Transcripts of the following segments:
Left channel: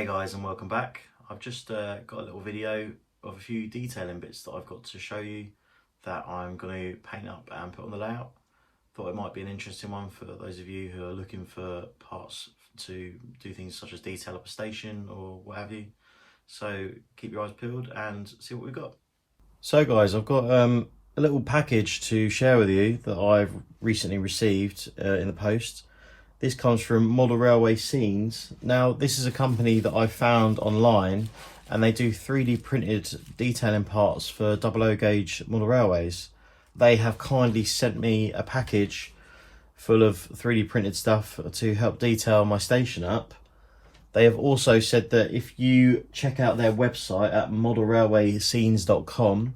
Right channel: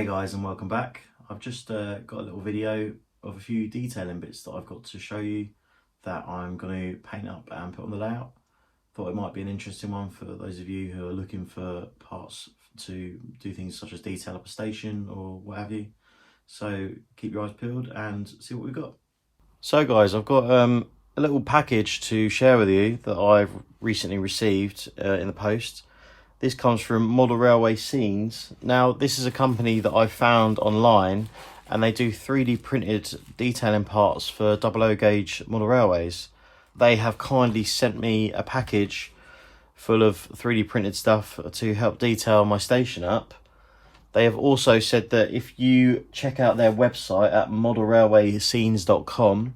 Hey guys, and welcome back. I've just got a little video of a few detailing bits that I've got to show you that I'm going to paint up and put on the layout. Thought it might be an interesting one for those of you who are looking for parts to do things such as detail up a station or what have you. So keep your eyes peeled and see what we've got. So guys, I've got a little package to share with you that I've recently received in the post. This comes from Model Railway Scenes. Now, this is a company that I found online, and they do 3D printed detailing parts for 00 gauge model railways. They have kindly sent me a package full of 3D printed stuff to help detail my station up. They have also said that if you check out their website at modelrailwayscenes.com,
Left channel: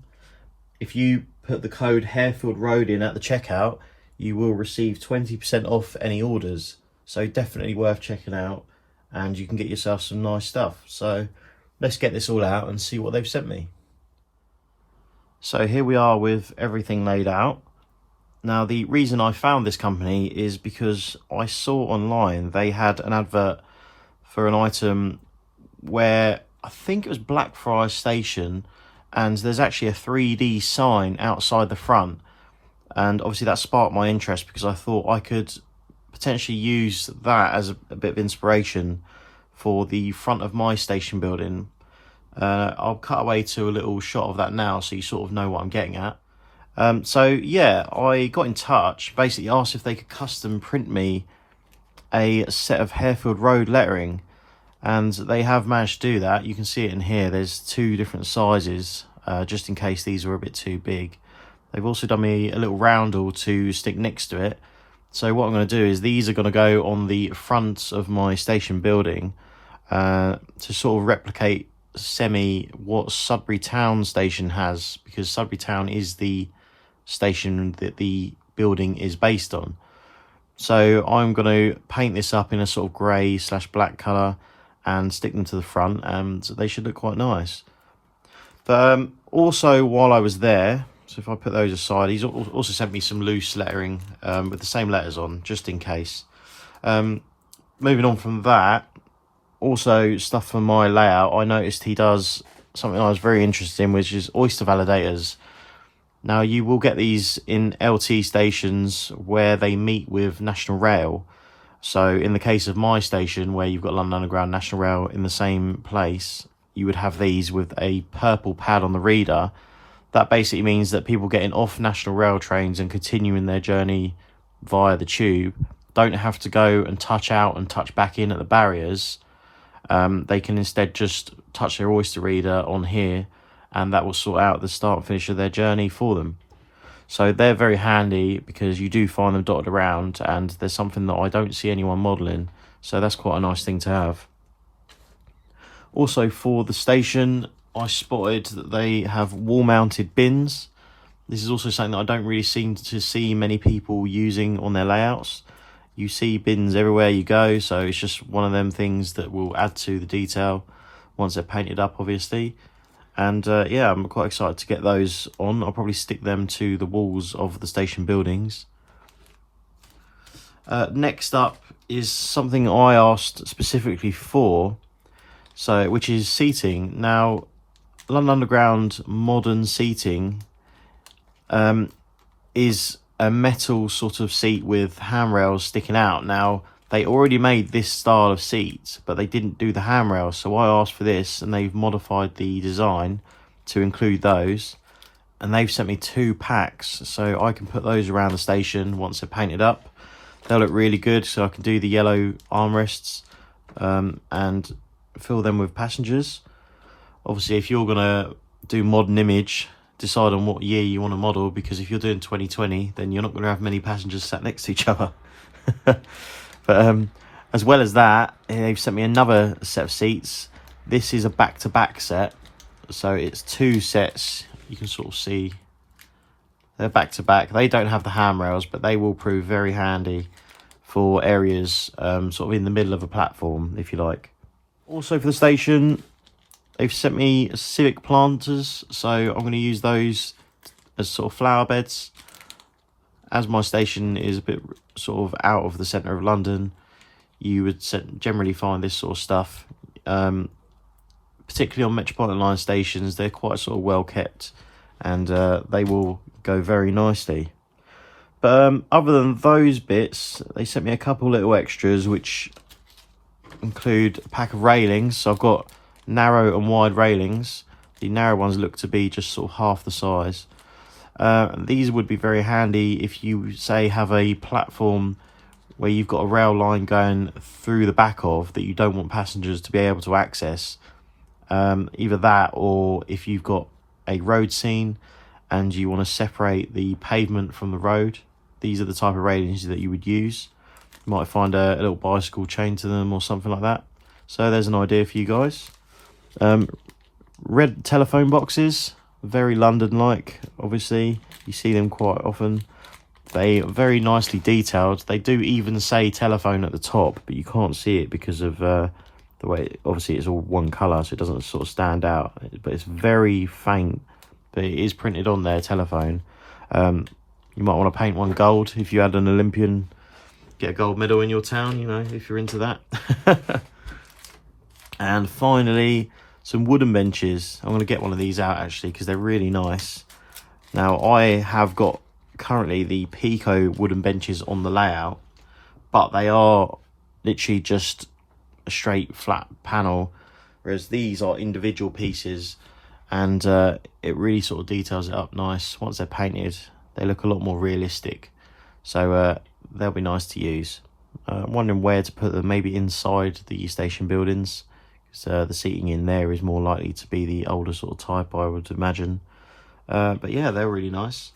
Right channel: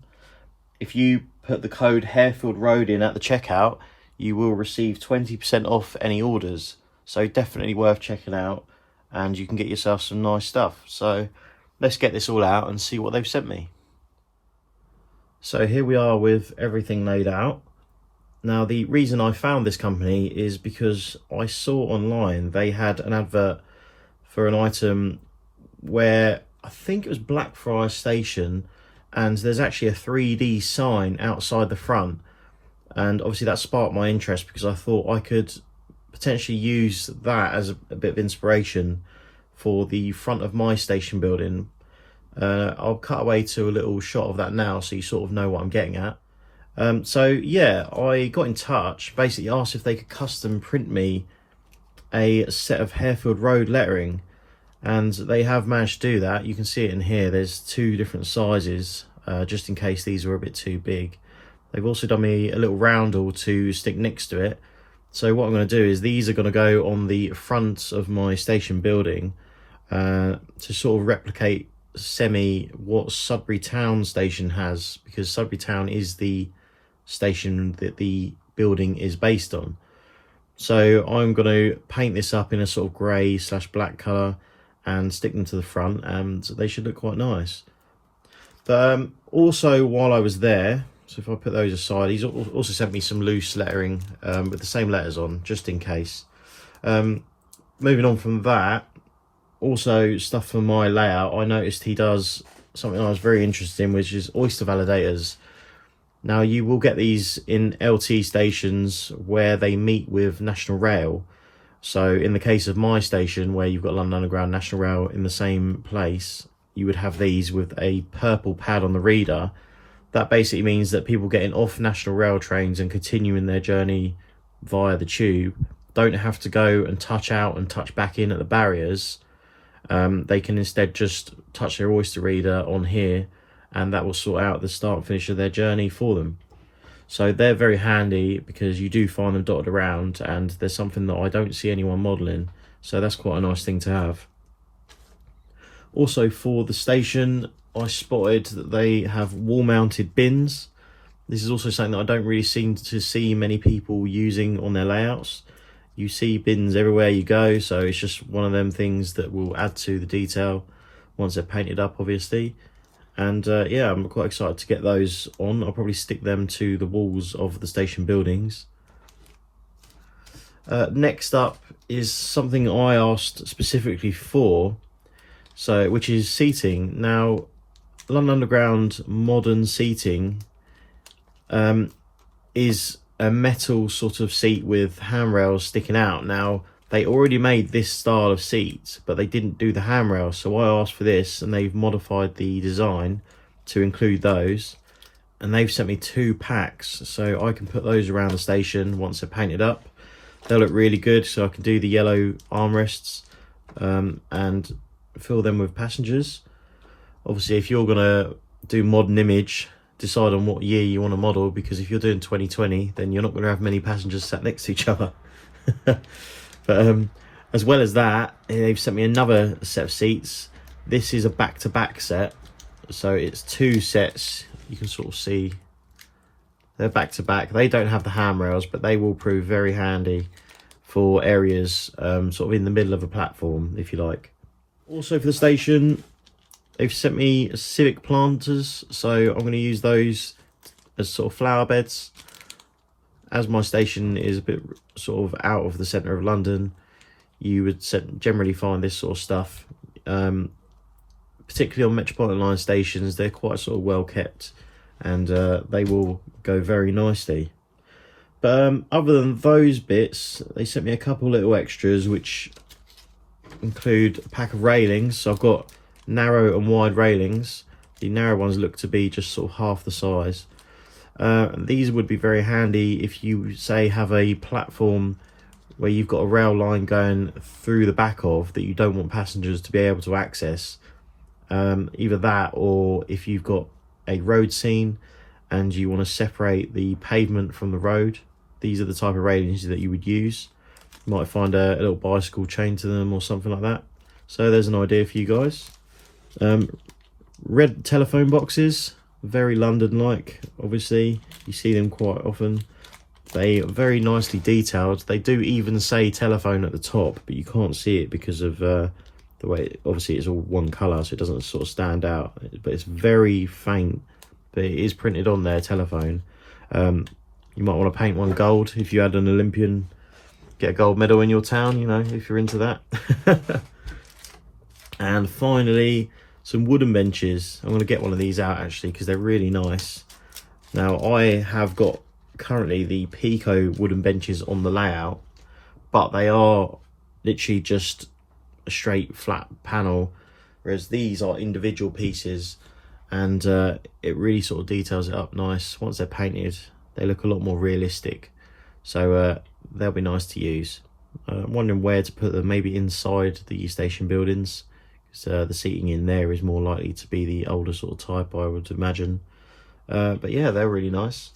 if you put the code Harefield Road in at the checkout, you will receive 20% off any orders. So definitely worth checking out, and you can get yourself some nice stuff. So let's get this all out and see what they've sent me. So here we are with everything laid out. Now, the reason I found this company is because I saw online they had an advert for an item where I think it was Blackfriars Station, and there's actually a 3D sign outside the front. And obviously that sparked my interest because I thought I could potentially use that as a bit of inspiration for the front of my station building. I'll cut away to a little shot of that now so you sort of know what I'm getting at. So yeah, I got in touch, basically asked if they could custom print me a set of Harefield Road lettering, and they have managed to do that. You can see it in here. There's two different sizes, just in case these were a bit too big. They've also done me a little roundel to stick next to it. So what I'm going to do is these are going to go on the front of my station building to sort of replicate what Sudbury Town station has, because Sudbury Town is the station that the building is based on. So I'm going to paint this up in a sort of grey/black colour and stick them to the front, and they should look quite nice. But also while I was there, so if I put those aside, he's also sent me some loose lettering with the same letters on, just in case. Moving on from that, also stuff for my layout, I noticed he does something I was very interested in, which is oyster validators. Now, you will get these in LT stations where they meet with National Rail. So in the case of my station, where you've got London Underground, National Rail in the same place, you would have these with a purple pad on the reader. That basically means that people getting off National Rail trains and continuing their journey via the tube don't have to go and touch out and touch back in at the barriers. They can instead just touch their oyster reader on here, and that will sort out the start and finish of their journey for them. So they're very handy because you do find them dotted around, and there's something that I don't see anyone modelling. So that's quite a nice thing to have. Also for the station, I spotted that they have wall-mounted bins. This is also something that I don't really seem to see many people using on their layouts. You see bins everywhere you go, so it's just one of them things that will add to the detail once they're painted up, obviously. And yeah, I'm quite excited to get those on. I'll probably stick them to the walls of the station buildings. Next up is something I asked specifically for, which is seating. Now, London Underground modern seating is a metal sort of seat with handrails sticking out. Now, they already made this style of seat, but they didn't do the handrails, so I asked for this, and they've modified the design to include those, and they've sent me 2 packs, so I can put those around the station once they're painted up. They'll look really good, so I can do the yellow armrests and fill them with passengers. Obviously, if you're going to do modern image, decide on what year you want to model, because if you're doing 2020, then you're not going to have many passengers sat next to each other. But as well as that, they've sent me another set of seats. This is a back-to-back set, so it's 2 sets. You can sort of see they're back-to-back. They don't have the handrails, but they will prove very handy for areas sort of in the middle of a platform, if you like. Also for the station, they've sent me civic planters, so I'm going to use those as sort of flower beds. As my station is a bit sort of out of the centre of London, you would generally find this sort of stuff particularly on Metropolitan line stations. They're quite sort of well kept, and they will go very nicely. But other than those bits, they sent me a couple little extras, which include a pack of railings. So I've got narrow and wide railings. The narrow ones look to be just sort of half the size. These would be very handy if you, say, have a platform where you've got a rail line going through the back of that you don't want passengers to be able to access. Either that, or if you've got a road scene and you want to separate the pavement from the road, these are the type of railings that you would use. You might find a little bicycle chained to them or something like that. So there's an idea for you guys. Red telephone boxes, very London-like. Obviously, you see them quite often. They are very nicely detailed. They do even say telephone at the top, but you can't see it because of the way, obviously it's all one colour, so it doesn't sort of stand out. But it's very faint, but it is printed on there, telephone. You might want to paint one gold if you had an Olympian, get a gold medal in your town, you know, if you're into that. And finally, some wooden benches. I'm going to get one of these out actually because they're really nice. Now, I have got currently the Pico wooden benches on the layout, but they are literally just a straight flat panel, whereas these are individual pieces, and it really sort of details it up nice. Once they're painted, they look a lot more realistic, so they'll be nice to use. I'm wondering where to put them, maybe inside the station buildings, because the seating in there is more likely to be the older sort of type, I would imagine. But yeah, they're really nice.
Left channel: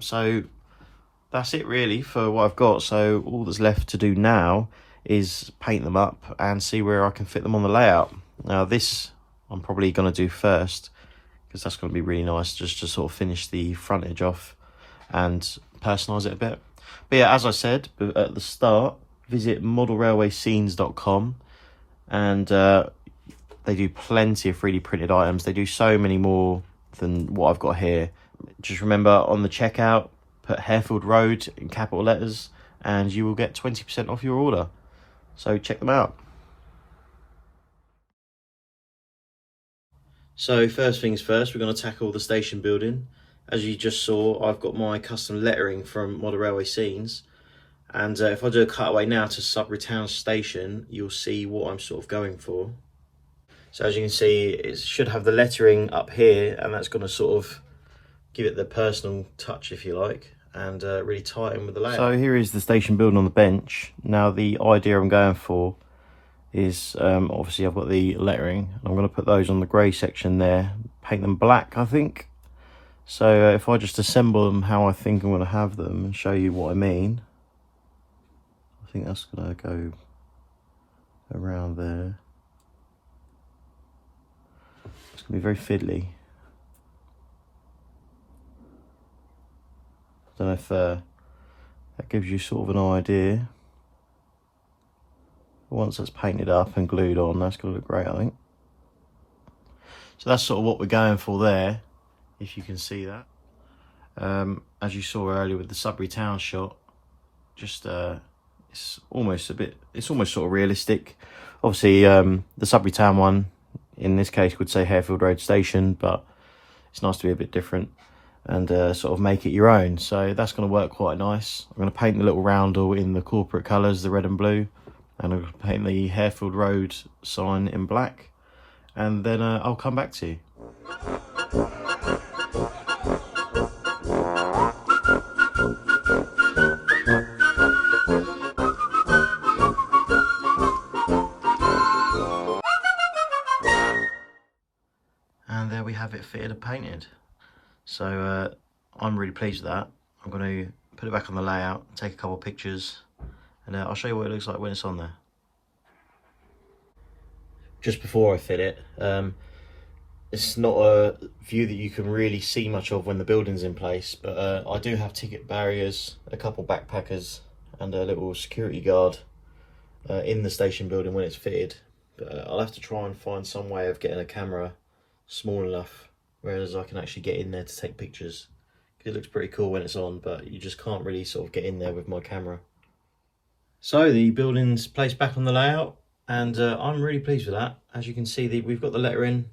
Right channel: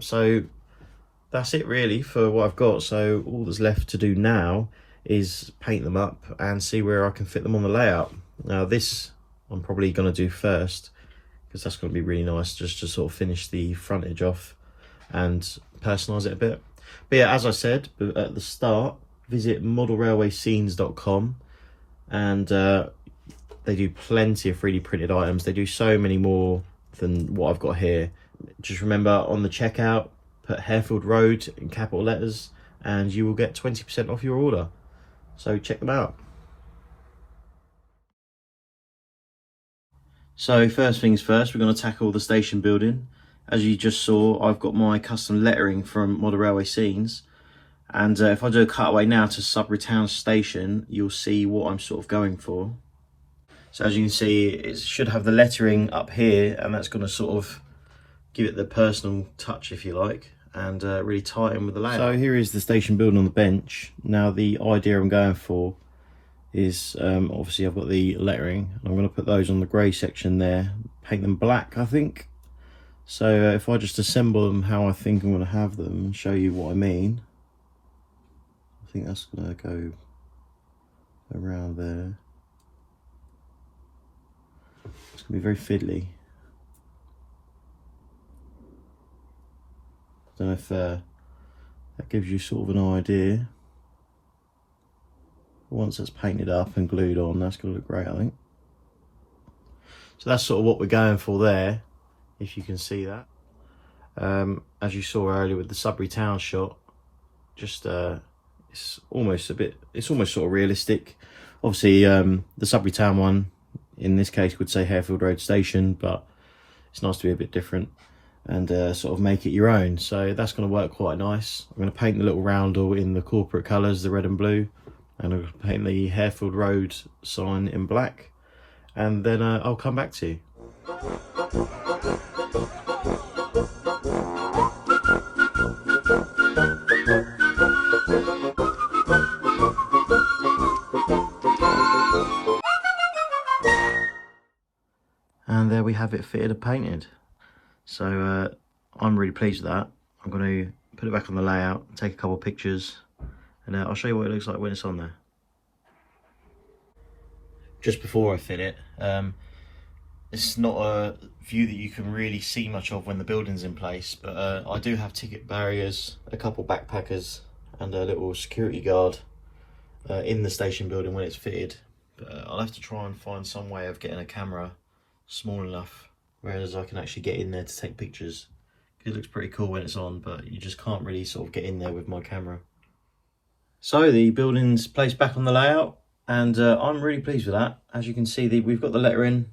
So that's it really for what I've got. So all that's left to do now is paint them up and see where I can fit them on the layout. Now this I'm probably going to do first, because that's going to be really nice just to sort of finish the frontage off and personalise it a bit. But yeah, as I said at the start, visit modelrailwayscenes.com, and they do plenty of 3D printed items. They do so many more than what I've got here. Just remember, on the checkout, put Harefield Road in capital letters and you will get 20% off your order. So check them out. So first things first, we're going to tackle the station building. As you just saw, I've got my custom lettering from Model Railway Scenes, and if I do a cutaway now to Sudbury Town Station, you'll see what I'm sort of going for. So as you can see, it should have the lettering up here, and that's going to sort of give it the personal touch, if you like, and really tie in with the layout. So here is the station building on the bench. Now the idea I'm going for is, obviously I've got the lettering. I'm going to put those on the grey section there, paint them black, I think. So if I just assemble them how I think I'm going to have them and show you what I mean, I think that's going to go around there. It's going to be very fiddly. I don't know if that gives you sort of an idea. Once that's painted up and glued on, that's going to look great, I think. So that's sort of what we're going for there, if you can see that. As you saw earlier with the Sudbury Town shot, just it's almost sort of realistic. Obviously, the Sudbury Town one in this case would say Harefield Road Station, but it's nice to be a bit different and sort of make it your own. So that's going to work quite nice. I'm going to paint the little roundel in the corporate colours, the red and blue, and I'll paint the Harefield Road sign in black, and then I'll come back to you. And there we have it, fitted and painted. So I'm really pleased with that. I'm going to put it back on the layout, take a couple of pictures, and I'll show you what it looks like when it's on there. Just before I fit it, it's not a view that you can really see much of when the building's in place, but I do have ticket barriers, a couple backpackers, and a little security guard in the station building when it's fitted. But I'll have to try and find some way of getting a camera small enough whereas I can actually get in there to take pictures. It looks pretty cool when it's on, but you just can't really sort of get in there with my camera. So the building's placed back on the layout. And I'm really pleased with that. As you can see, we've got the lettering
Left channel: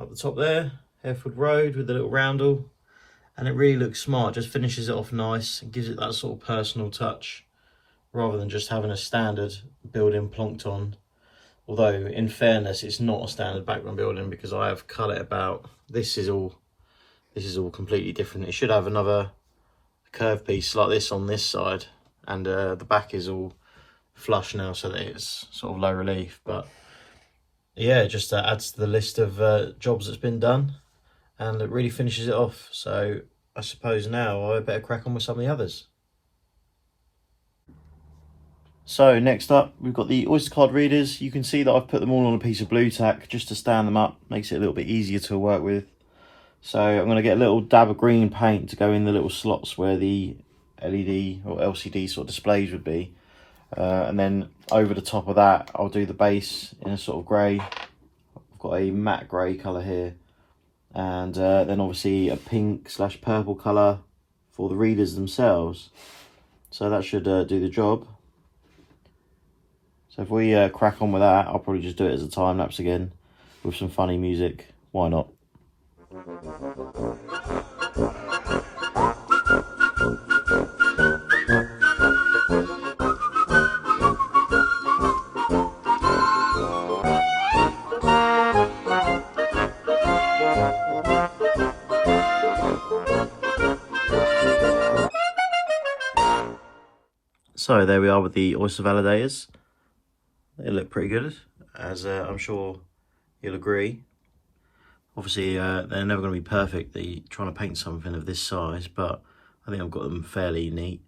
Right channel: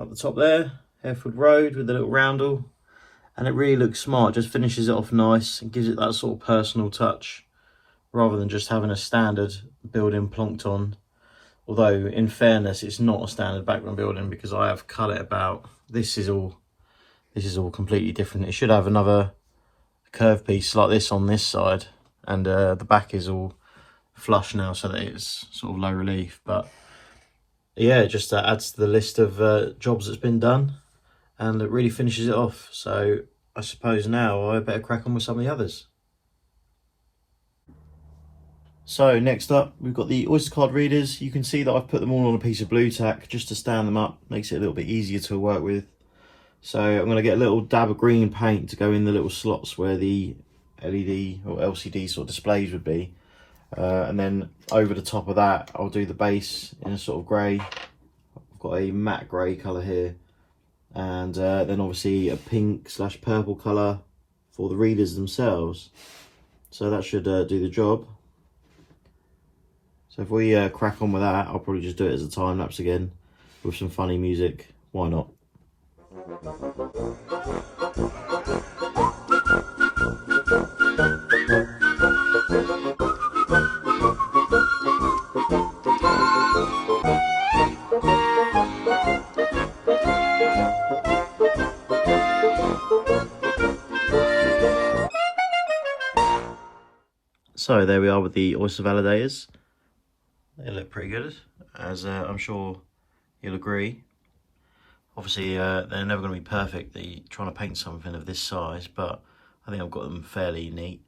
up the top there, Harefield Road with the little roundel, and it really looks smart. Just finishes it off nice and gives it that sort of personal touch, rather than just having a standard building plonked on. Although, in fairness, it's not a standard background building because I have cut it about. This is all completely different. It should have another curved piece like this on this side, and the back is all flush now so that it's sort of low relief. But yeah, it just adds to the list of jobs that's been done, and it really finishes it off. So I suppose now I better crack on with some of the others. So next up, we've got the Oyster card readers. You can see that I've put them all on a piece of blue tack just to stand them up. Makes it a little bit easier to work with. So I'm going to get a little dab of green paint to go in the little slots where the LED or LCD sort of displays would be. And then over the top of that, I'll do the base in a sort of grey. I've got a matte grey colour here. And then obviously a pink / purple colour for the readers themselves. So that should do the job. So if we crack on with that, I'll probably just do it as a time lapse again with some funny music. Why not? So there we are with the oyster validators. They look pretty good, as I'm sure you'll agree. Obviously, they're never going to be perfect. Trying to paint something of this size, but I think I've got them fairly neat.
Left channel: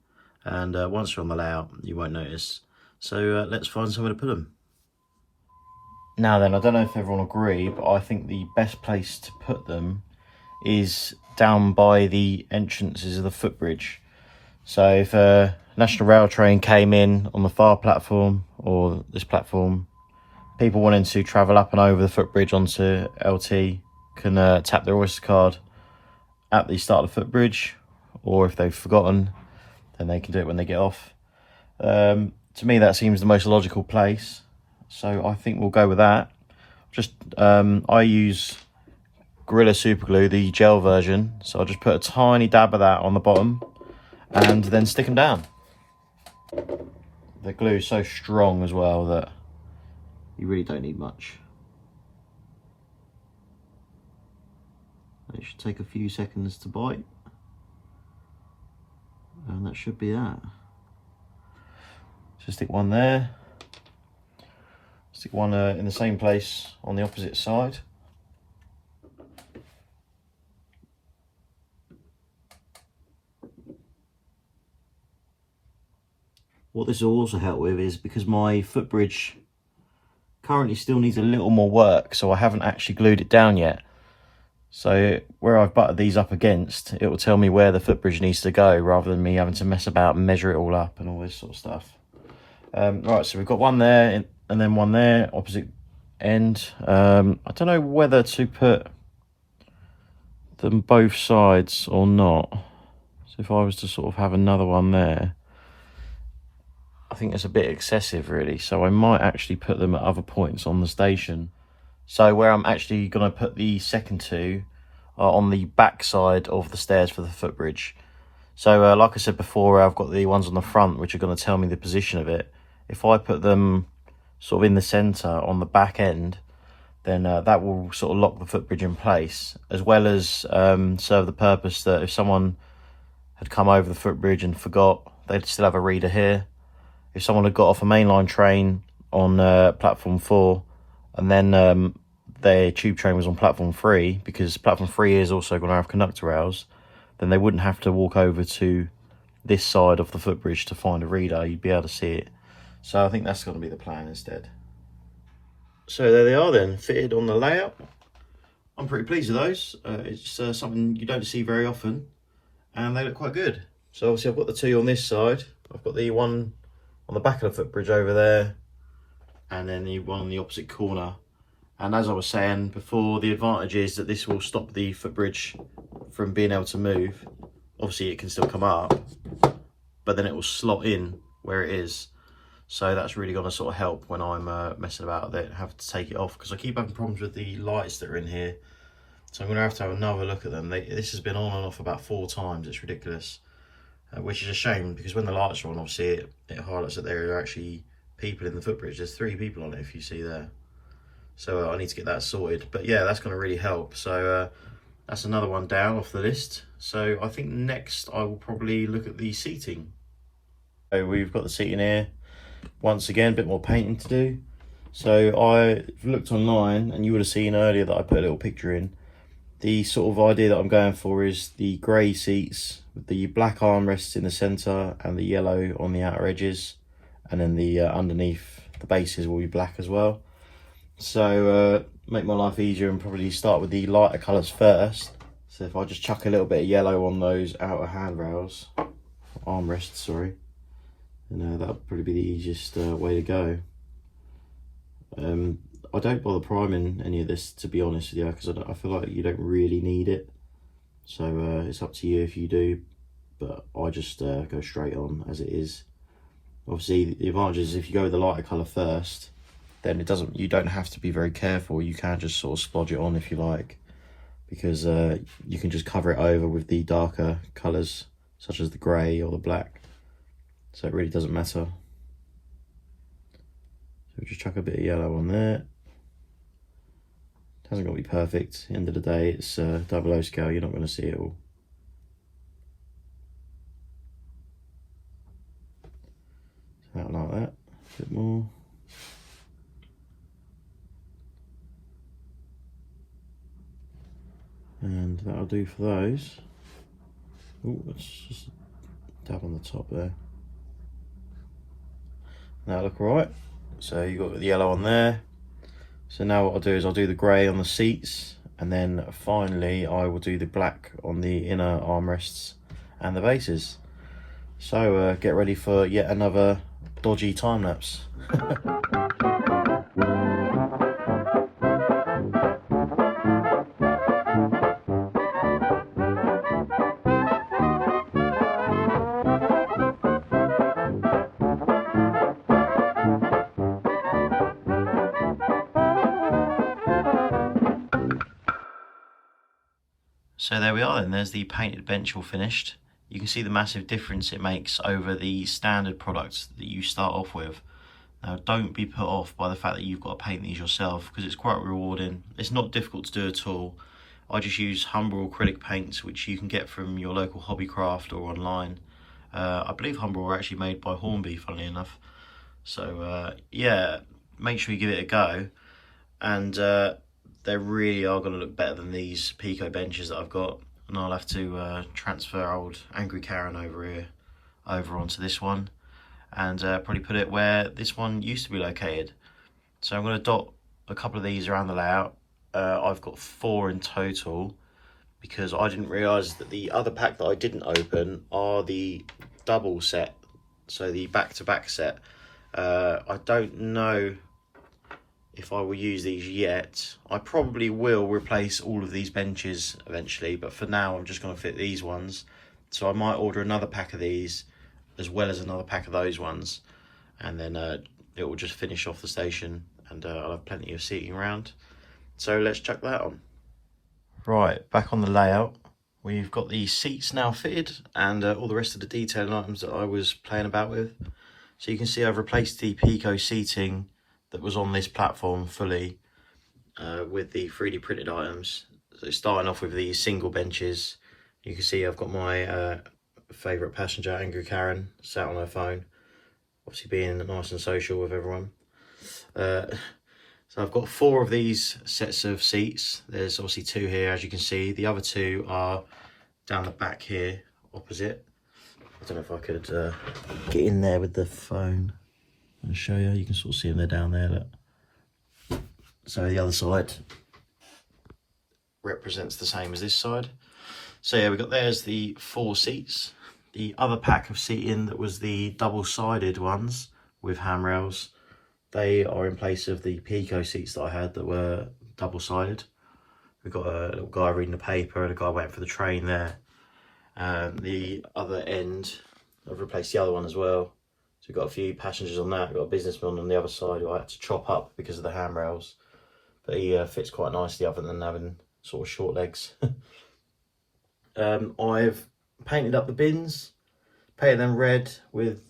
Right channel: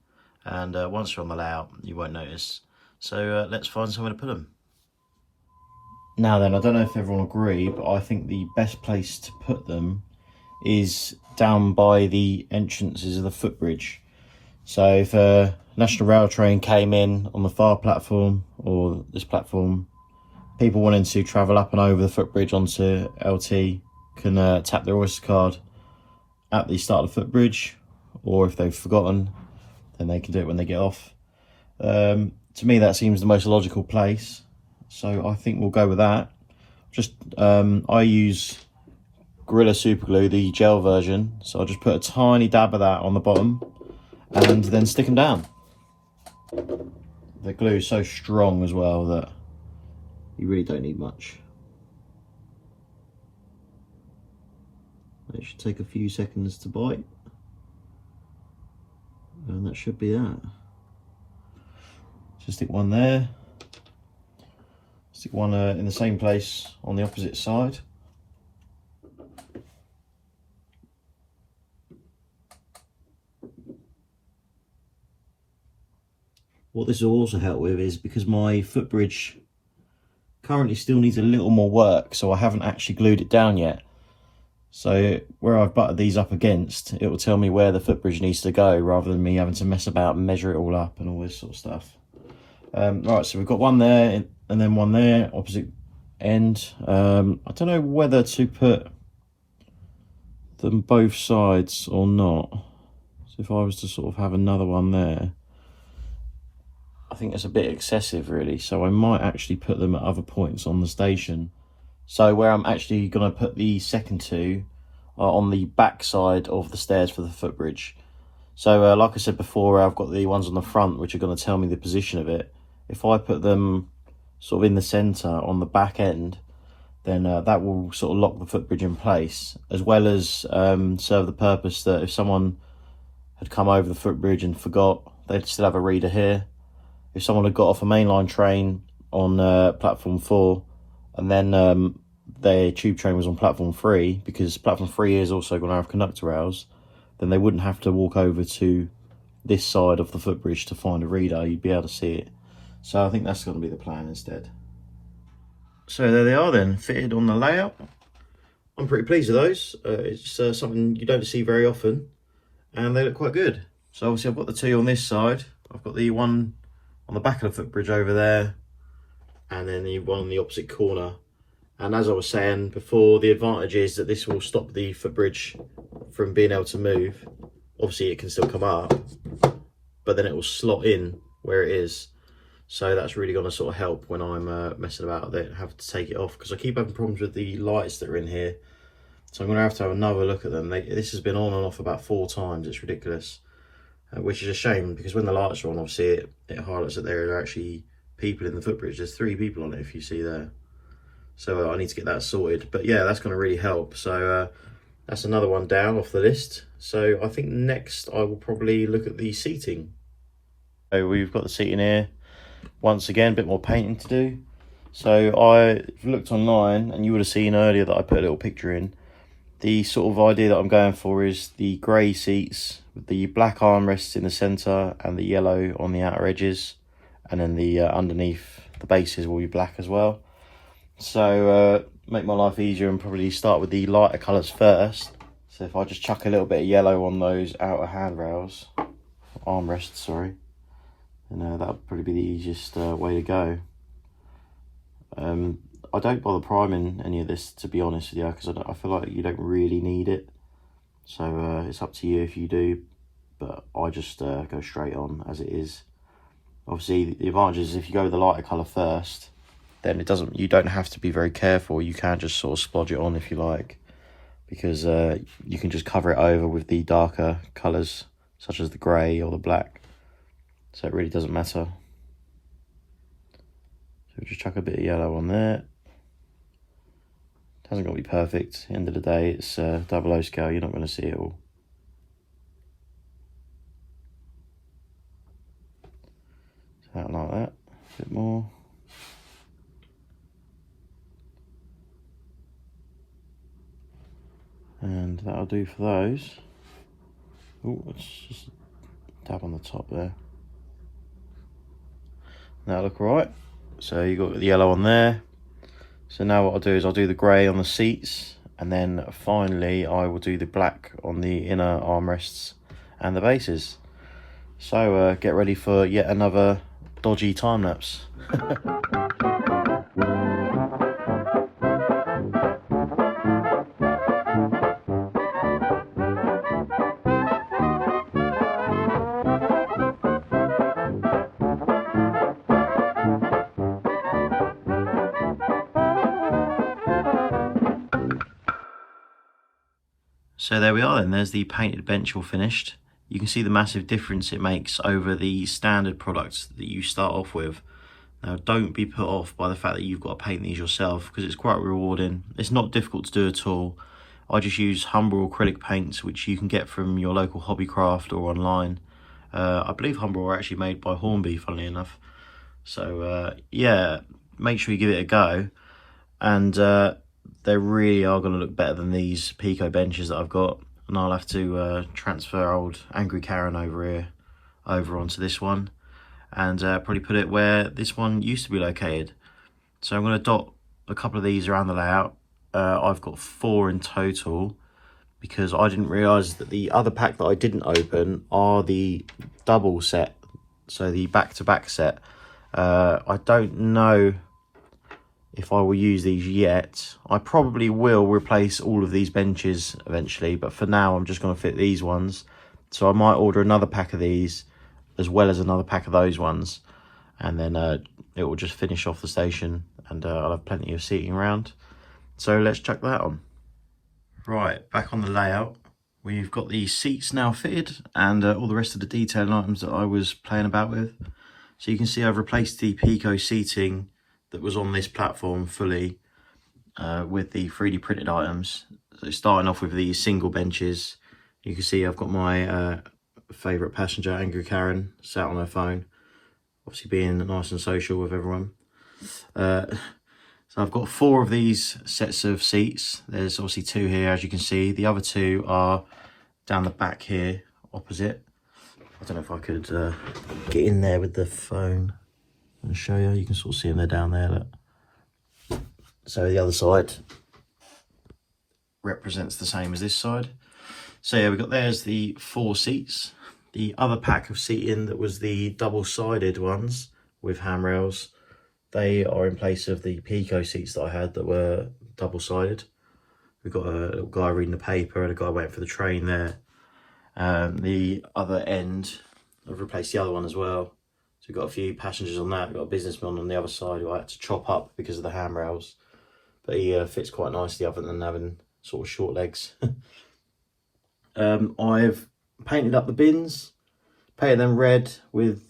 And once you're on the layout, you won't notice. So let's find somewhere to put them. Now then, I don't know if everyone will agree, but I think the best place to put them is down by the entrances of the footbridge. So if a National Rail train came in on the far platform or this platform, people wanting to travel up and over the footbridge onto LT can tap their Oyster card at the start of the footbridge, or if they've forgotten, then they can do it when they get off. To me, that seems the most logical place, so I think we'll go with that. Just I use Gorilla Super Glue, the gel version, so I'll just put a tiny dab of that on the bottom and then stick them down. The glue is so strong as well that you really don't need much. It should take a few seconds to bite, and that should be that. So stick one there, stick one in the same place on the opposite side. What this will also help with is, because my footbridge currently still needs a little more work, so I haven't actually glued it down yet. So where I've butted these up against, it will tell me where the footbridge needs to go, rather than me having to mess about and measure it all up and all this sort of stuff. Right, so we've got one there and then one there, opposite end. I don't know whether to put them both sides or not. So if I was to sort of have another one there, I think it's a bit excessive really, so I might actually put them at other points on the station. So where I'm actually going to put the second two are on the back side of the stairs for the footbridge. So like I said before, I've got the ones on the front which are going to tell me the position of it. If I put them sort of in the centre on the back end, then that will sort of lock the footbridge in place, as well as serve the purpose that if someone had come over the footbridge and forgot, they'd still have a reader here. If someone had got off a mainline train on platform 4 and then their tube train was on platform 3, because platform 3 is also going to have conductor rails, then they wouldn't have to walk over to this side of the footbridge to find a reader. You'd be able to see it. So I think that's going to be the plan instead. So there they are then, fitted on the layout. I'm pretty pleased with those. It's something you don't see very often, and they look quite good. So obviously I've got the two on this side. I've got the one on the back of the footbridge over there, and then the one on the opposite corner. And as I was saying before, the advantage is that this will stop the footbridge from being able to move. Obviously it can still come up, but then it will slot in where it is. So that's really going to sort of help when I'm messing about with it and have to take it off, because I keep having problems with the lights that are in here. So I'm going to have another look at them. This has been on and off about 4 times. It's ridiculous, which is a shame, because when the lights are on, obviously it highlights that there are actually people in the footbridge. There's 3 people on it, if you see there. So I need to get that sorted. But yeah, that's going to really help. So that's another one down off the list. So I think next I will probably look at the seating. So we've got the seating here. Once again, a bit more painting to do. So I looked online, and you would have seen earlier that I put a little picture in. The sort of idea that I'm going for is the grey seats with the black armrests in the centre and the yellow on the outer edges, and then the underneath the bases will be black as well. So make my life easier and probably start with the lighter colours first. So if I just chuck a little bit of yellow on those outer handrails, armrests, sorry, and that'll probably be the easiest way to go. I don't bother priming any of this, to be honest with you, because I feel like you don't really need it. So it's up to you if you do, but I just go straight on as it is. Obviously, the advantage is if you go with the lighter colour first, then you don't have to be very careful. You can just sort of splodge it on if you like, because you can just cover it over with the darker colours, such as the grey or the black. So it really doesn't matter. So just chuck a bit of yellow on there. It hasn't got to be perfect. At the end of the day, it's 00 scale. You're not going to see it all. So that like that. A bit more. And that'll do for those. Oh, let's just dab on the top there. That'll look alright. So you've got the yellow on there. So now what I'll do is I'll do the grey on the seats, and then finally I will do the black on the inner armrests and the bases. So get ready for yet another dodgy time lapse. So there we are then, there's the painted bench all finished. You can see the massive difference it makes over the standard products that you start off with. Now don't be put off by the fact that you've got to paint these yourself, because it's quite rewarding. It's not difficult to do at all. I just use Humber acrylic paints, which you can get from your local Hobbycraft or online. I believe Humber are actually made by Hornby, funnily enough. So yeah, make sure you give it a go. And they really are going to look better than these Pico benches that I've got, and I'll have to transfer old Angry Karen over onto this one, and probably put it where this one used to be located. So I'm going to dot a couple of these around the layout. I've got 4 in total, because I didn't realise that the other pack that I didn't open are the double set, so the back-to-back set. I don't know if I will use these yet. I probably will replace all of these benches eventually, but for now I'm just going to fit these ones. So I might order another pack of these as well as another pack of those ones, and then it will just finish off the station, and I'll have plenty of seating around. So let's chuck that on. Right, back on the layout. We've got the seats now fitted, and all the rest of the detailing items that I was playing about with. So you can see I've replaced the Pico seating that was on this platform fully with the 3D printed items. So starting off with these single benches, you can see I've got my favourite passenger, Angry Karen, sat on her phone, obviously being nice and social with everyone. So I've got 4 of these sets of seats. There's obviously 2 here, as you can see. The other 2 are down the back here, opposite. I don't know if I could get in there with the phone and show you. You can sort of see them, they're down there. Look. So the other side represents the same as this side. So yeah, there's the 4 seats. The other pack of seating that was the double-sided ones with handrails, they are in place of the Pico seats that I had that were double-sided. We've got a little guy reading the paper and a guy waiting for the train there. The other end, I've replaced the other one as well. So we've got a few passengers on that. We've got a businessman on the other side who I had to chop up because of the handrails. But he fits quite nicely other than having sort of short legs. I've painted up the bins, painted them red with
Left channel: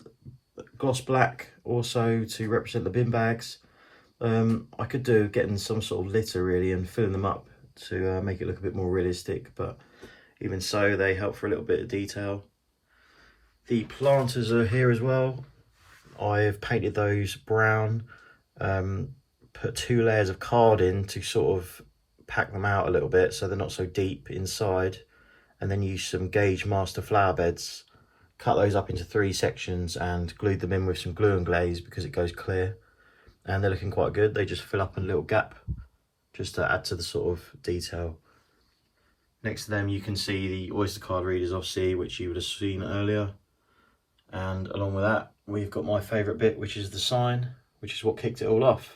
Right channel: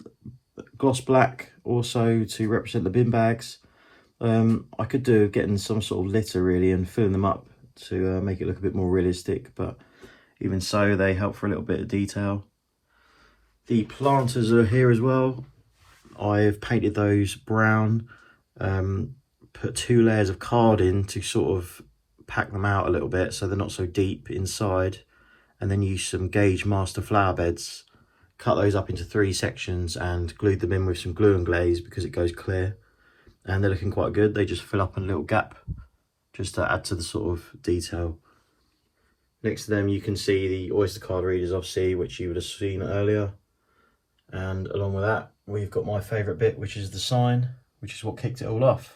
gloss black also to represent the bin bags. I could do getting some sort of litter really and filling them up to make it look a bit more realistic, but even so they help for a little bit of detail. The planters are here as well. I've painted those brown, put 2 layers of card in to sort of pack them out a little bit so they're not so deep inside, and then use some gauge master flower beds, cut those up into 3 sections and glued them in with some glue and glaze because it goes clear, and they're looking quite good. They just fill up a little gap just to add to the sort of detail. Next to them you can see the Oyster card readers obviously, which you would have seen earlier, and along with that we've got my favourite bit, which is the sign, which is what kicked it all off.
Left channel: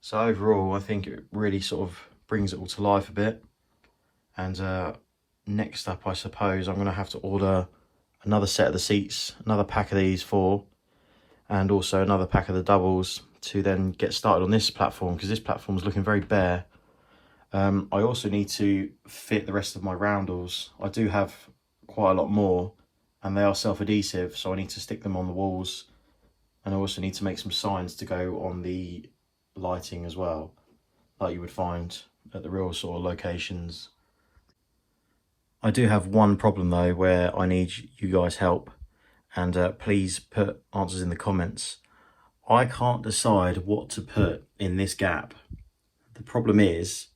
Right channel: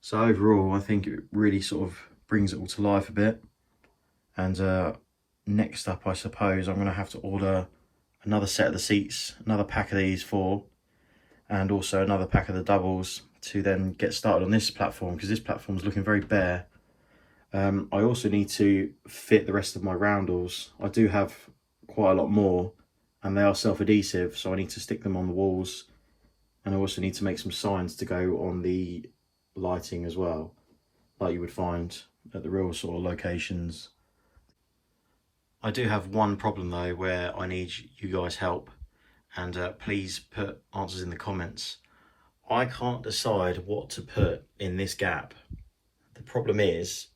So overall I think it really sort of brings it all to life a bit. And next up I suppose I'm going to have to order another set of the seats, another pack of these 4, and also another pack of the doubles to then get started on this platform, because this platform is looking very bare. I also need to fit the rest of my roundels. I do have quite a lot more and they are self-adhesive, so I need to stick them on the walls, and I also need to make some signs to go on the lighting as well, like you would find at the real sort of locations. I do have one problem though where I need you guys help, and please put answers in the comments. I can't decide what to put in this gap. The problem is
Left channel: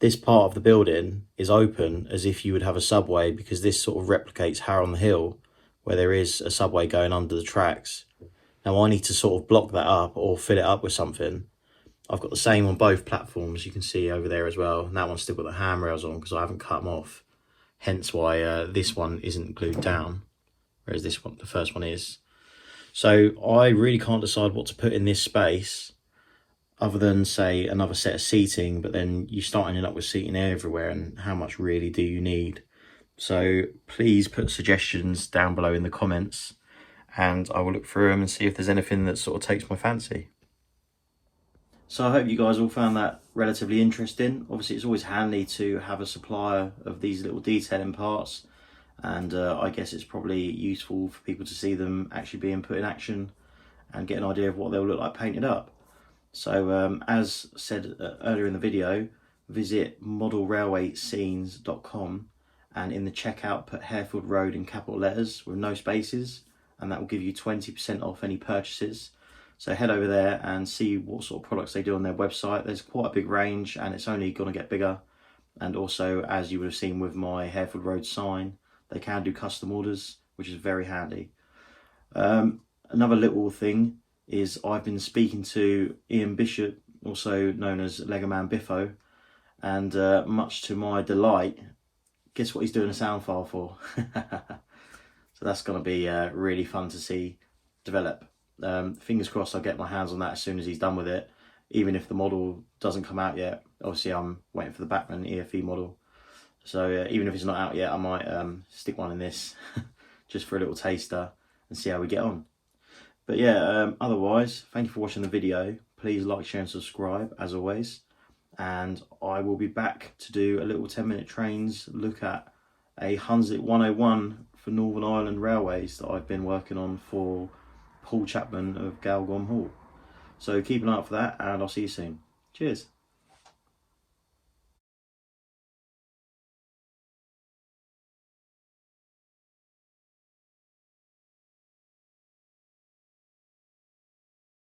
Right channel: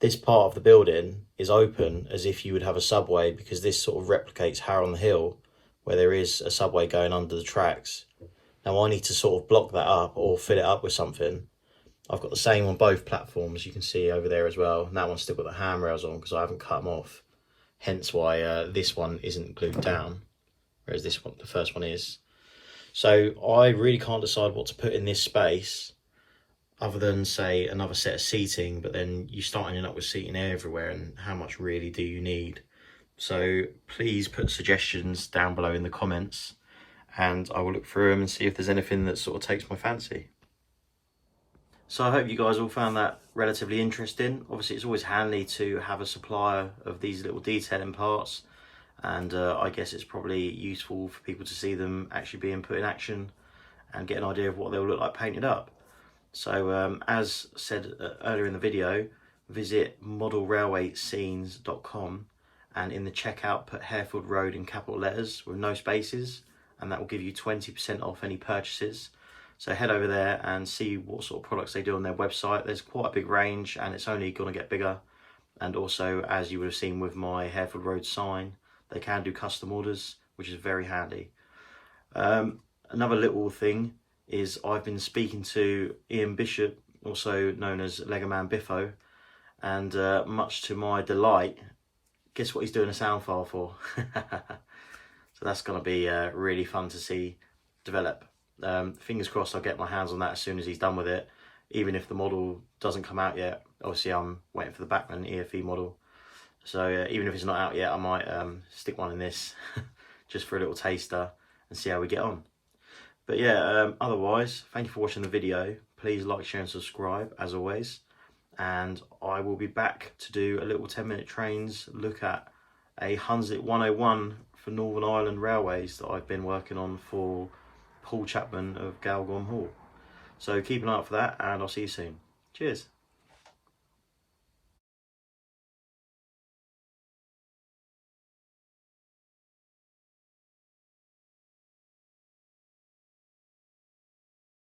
this part of the building is open as if you would have a subway, because this sort of replicates Harrow on the Hill where there is a subway going under the tracks. Now I need to sort of block that up or fill it up with something. I've got the same on both platforms, you can see over there as well. And that one's still got the handrails on because I haven't cut them off. Hence why this one isn't glued down, whereas this one, the first one is. So I really can't decide what to put in this space other than say another set of seating, but then you start ending up with seating everywhere, and how much really do you need? So please put suggestions down below in the comments and I will look through them and see if there's anything that sort of takes my fancy. So I hope you guys all found that relatively interesting. Obviously it's always handy to have a supplier of these little detailing parts, and I guess it's probably useful for people to see them actually being put in action and get an idea of what they'll look like painted up. So as said earlier in the video, visit modelrailwayscenes.com and in the checkout put Harefield Road in capital letters with no spaces, and that will give you 20% off any purchases. So head over there and see what sort of products they do on their website. There's quite a big range and it's only going to get bigger. And also, as you would have seen with my Harefield Road sign, they can do custom orders, which is very handy. Another little thing is I've been speaking to Ian Bishop, also known as Lego Man Biffo, and much to my delight, guess what he's doing a sound file for? So that's going to be really fun to see develop. Fingers crossed I'll get my hands on that as soon as he's done with it, even if the model doesn't come out yet. Obviously I'm waiting for the Bachmann EFE model, so even if it's not out yet I might stick one in this just for a little taster and see how we get on. But yeah, otherwise thank you for watching the video. Please like, share and subscribe as always, and I will be back to do a little 10-minute trains look at a Hunslet 101 for Northern Ireland Railways that I've been working on for Paul Chapman of Galgom Hall. So keep an eye out for that, and I'll see you soon. Cheers.